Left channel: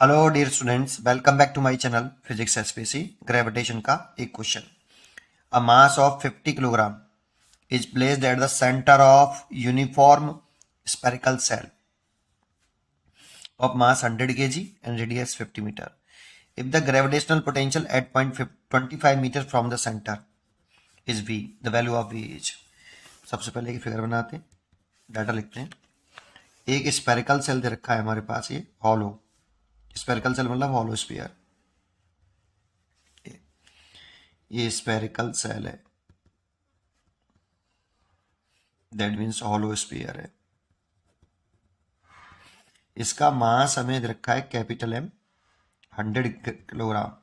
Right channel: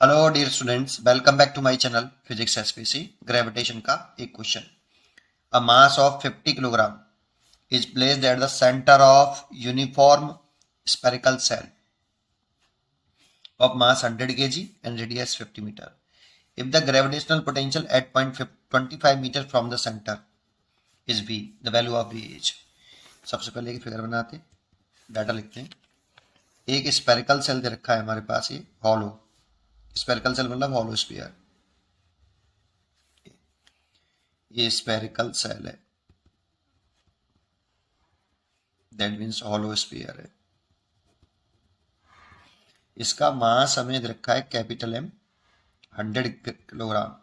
Hello dear students, welcome back to my channel physics SPC. Gravitation का एक question. A mass of 50 kilogram is placed at the centre of uniform spherical cell of mass 100 kg and radius 50 meter. If the gravitational potential at point 25 meter from the center is V, the value of V is। सबसे पहले एक figure बनाते हैं, data लिखते हैं। एक spherical cell दे रखा है हमारे पास, ये हॉलो स्पेरिकल सेल मतलब हॉलो स्फीयर। ये स्पेरिकल सेल है, दैट मीन्स हॉलो स्फीयर है। इसका मास हमें दे रखा है कैपिटल एम, 100 किलोग्राम।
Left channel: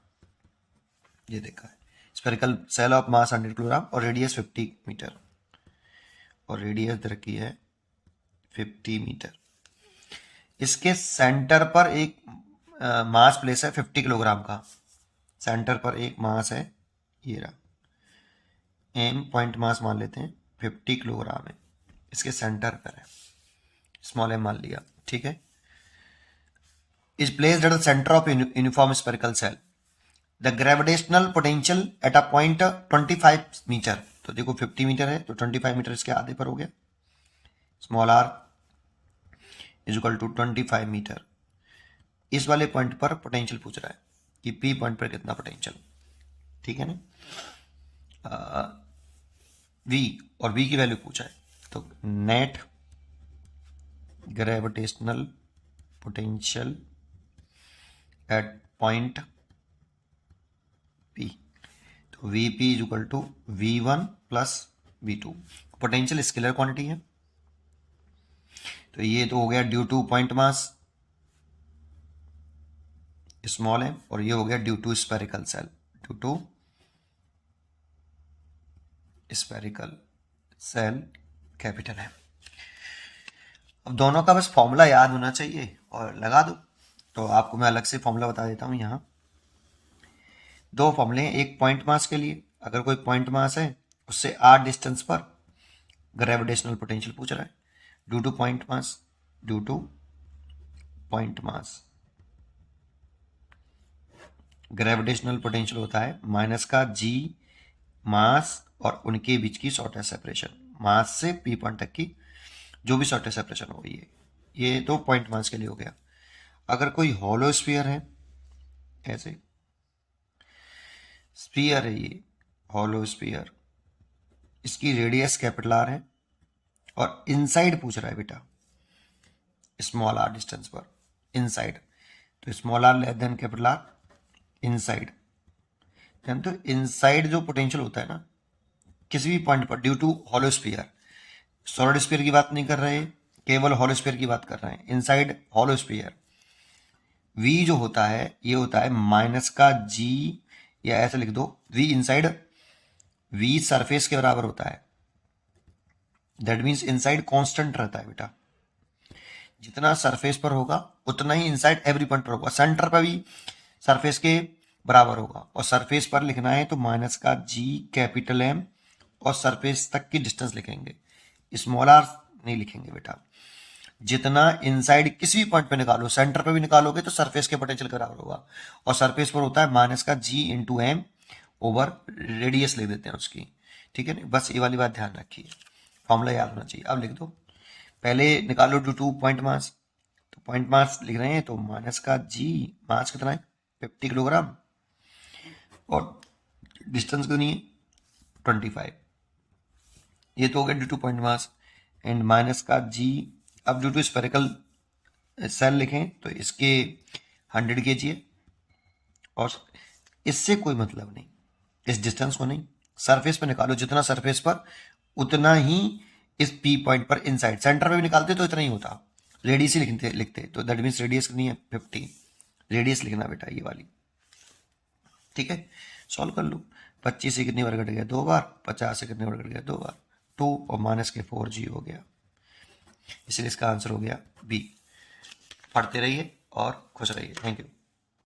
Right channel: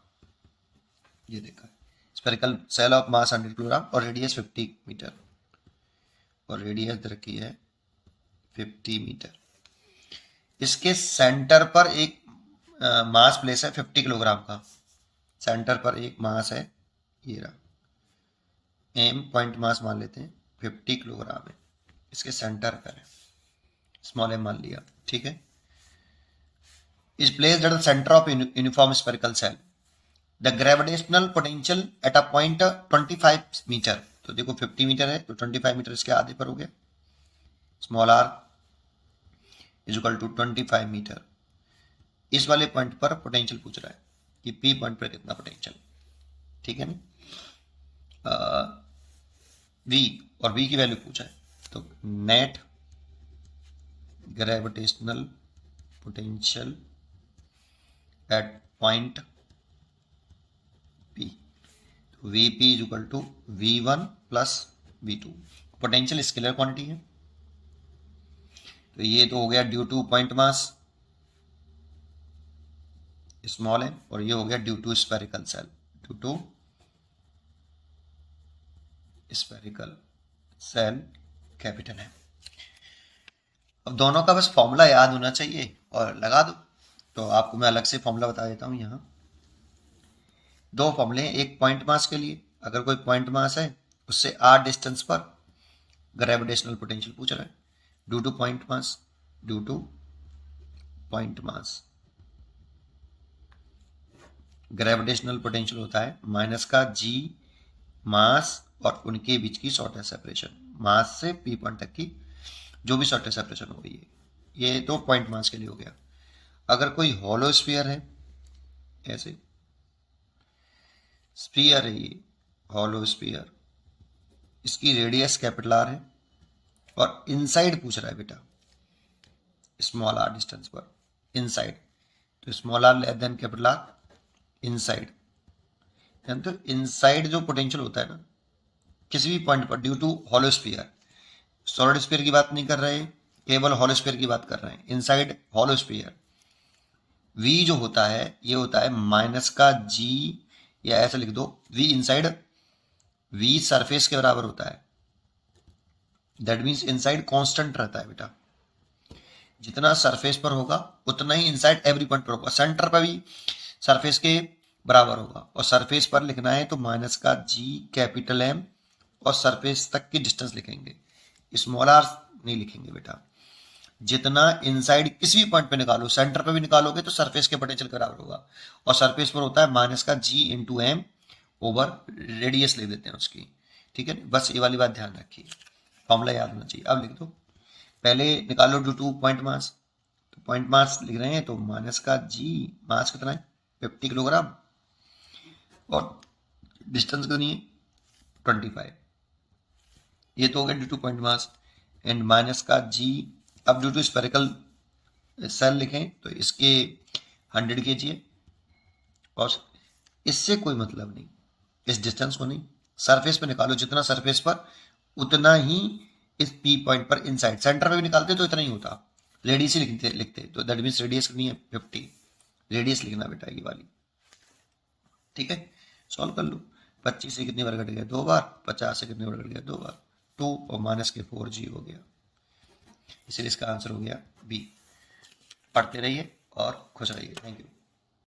ये देखा है spherical cell of mass 100 kilogram और रेडियस 50 मीटर, और रेडियस दे रखी है 50 मीटर। इसके सेंटर पर एक मास प्लेस है 50 किलोग्राम का। सेंटर पर एक मास है, ये रहा, एम पॉइंट मास मान लेते हैं, 50 किलोग्राम है। इसके सेंटर पर है, स्मॉल एम मान लिया, ठीक है। Is placed at the centre of uniform spherical cell. The gravitational potential at a point 25 metre. तो देखो 50 मीटर है तो 25 मीटर इसके आधे पर हो गया। Small R is equal to 25 metre. इस वाले पॉइंट पर पोटेंशियल पूछ रहा है कि पी पॉइंट पर कितना पोटेंशियल, ठीक है ना। वी और वी की वैल्यू पूछा है, तो net gravitational potential at point P, तो V P is equal to V one plus V two. Potential scalar quantity है, तो ये तो हो गया due to point mass small है, और ये हो गया due to spherical shell, due to spherical shell capital है। अब दोनों का बस फॉर्मूला याद होना चाहिए और लगा दो। तो आपको मैं अलग से फॉर्मूला बता देता हूँ। यहाँ दो फॉर्मूले हैं, एक पॉइंट मास के लिए, अगर कोई पॉइंट मास है उससे आर डिस्टेंस पर ग्रेविटेशनल पोटेंशियल पूछ रहा है, due to point mass, due to point mass gravitational potential होता है माइनस का जी मास और उनके बीच की शॉर्टेस्ट सेपरेशन, मास से पी पॉइंट तक की जो भी शॉर्टेस्ट सेपरेशन हो गई है। ये तो पॉइंट मास के लिए हो गया। अगर कोई हॉलो स्फीयर है, ऐसे स्फीयर है ये हॉलो स्फीयर, इसकी रेडियस कैपिटल आर है और इनसाइड पूछ रहा है बेटा स्मॉल आर डिस्टेंस पर, इनसाइड, तो small R less than capital R inside. तो इनसाइड जो पोटेंशियल होता है ना किसी भी पॉइंट पर due to hollow sphere, solid sphere की बात नहीं कर रहे, केवल हॉलो स्फीयर की बात कर रहे हैं, इनसाइड हॉलो स्फीयर। वी जो होता है ये होता है माइनस का जी, या ऐसे लिख दो वी इनसाइड, वी सरफेस के बराबर होता है। दैट मीन्स इनसाइड कांस्टेंट रहता है बेटा, जितना सरफेस पर होगा उतना ही इनसाइड एवरी पॉइंट पर होगा। सेंटर पर भी सरफेस के बराबर होगा, और सरफेस पर लिखना है तो माइनस का जी कैपिटल एम और सरफेस तक की डिस्टेंस लिखेंगे, स्मॉल आर नहीं लिखेंगे बेटा। जितना इनसाइड किसी भी पॉइंट पे निकालो, सेंटर पे भी निकालोगे तो सरफेस के पोटेंशियल के बराबर होगा, और सरफेस पर होता है माइनस का जी इंटू एम ओवर रेडियस लिख देते हैं उसकी, ठीक है ना। बस ये वाली बात ध्यान रखिए, फॉर्मूला याद होना चाहिए। अब लिख दो, पहले निकालो ड्यू टू पॉइंट मास, तो पॉइंट मास लिख रहे हैं तो माइनस का जी, मास कितना है 50 किलोग्राम, और डिस्टेंस कितनी है 25। ये तो हो गया due to point mass, and minus का जी। अब ड्यू टू स्पेरिकल सेल लिखें तो इसके 100 kg है, और इससे कोई मतलब नहीं, इस डिस्टेंस को नहीं, सरफेस पे निकालो, जितना सरफेस पर उतना ही इस पी पॉइंट पर इनसाइड, सेंटर पे भी निकालते तो इतना ही होता, रेडियस ही लिखते तो दैट मीन्स रेडियस कितनी है 50, रेडियस लिखना बेटा ये वाली, ठीक है। सॉल्व कर लो, 25 से कितनी बार कट गया 2 बार, 50 से कितने बार कट गया 2 बार, 2 और माइनस के 4g हो गया, इसलिए इसका आंसर हो गया बी। पढ़ते रहिए और खुश रहिए। Thank you.